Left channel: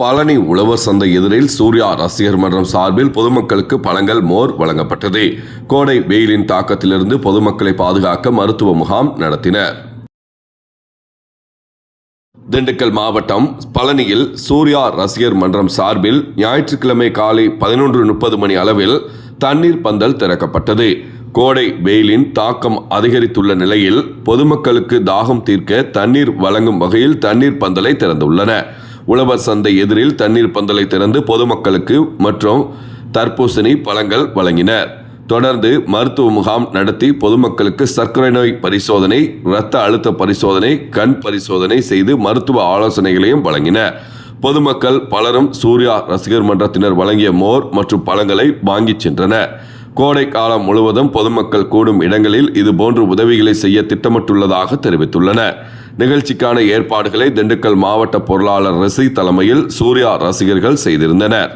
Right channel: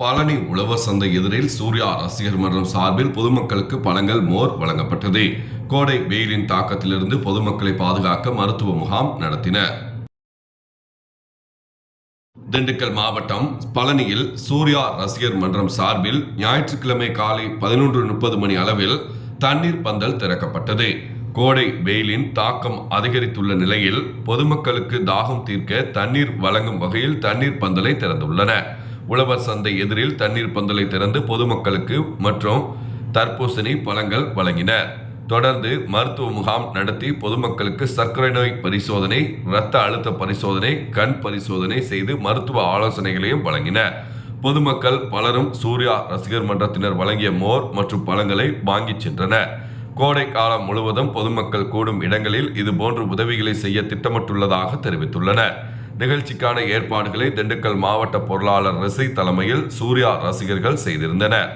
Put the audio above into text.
பழனி உழவர் சந்தை எதிரில் சூர்யா ரசிகர் மன்றம் சார்பில் பொதுமக்களுக்கு பழங்கள், மோர் வழங்கப்பட்டது. கோடை வெயிலின் தாக்கத்திலிருந்து பொதுமக்களை பாதுகாக்க மருத்துவ முகாம் நடத்தினர். திண்டுக்கல் மாவட்டம் பழனியில் சூர்யா ரசிகர் மன்றம் சார்பில் ஞாயிற்றுக்கிழமை காலை 11:30 மணி அளவில் தண்ணீர் பந்தல் திறக்கப்பட்டது. கோடை வெயிலின் தாக்கம் அதிகரித்துள்ள நிலையில் பொதுமக்களுக்கு தாகம் தீர்க்க தண்ணீர் வழங்கும் வகையில் தண்ணீர் பந்தலை திறந்துள்ளன. உழவர் சந்தை எதிரில் தண்ணீர் பந்தலை திறந்து பொதுமக்களுக்கு மற்றும் தர்பூசணி பழங்கள் வழங்கினர். தொடர்ந்து மருத்துவ முகாம் நடத்தி பொதுமக்களுக்கு சர்க்கரை நோய் பரிசோதனை, இரத்த அழுத்த பரிசோதனை, கண் பரிசோதனை செய்து மருத்துவ ஆலோசனைகளையும் வழங்கினர். பொதுமக்கள் பலரும் சூர்யா ரசிகர் மன்றத்தினர் வழங்கிய மோர் மற்றும் பழங்களை வாங்கி சென்றனர். கோடை காலம் முழுவதும் பொதுமக்கள் கூடும் இடங்களில் இதுபோன்று உதவிகளை செய்ய திட்டமிட்டுள்ளதாக தெரிவித்துள்ளனர். நிகழ்ச்சிக்கான ஏற்பாடுகளை திண்டுக்கல் மாவட்ட பொருளாளர் ரசி தலைமையில் சூர்யா ரசிகர்கள் செய்திருந்தனர்.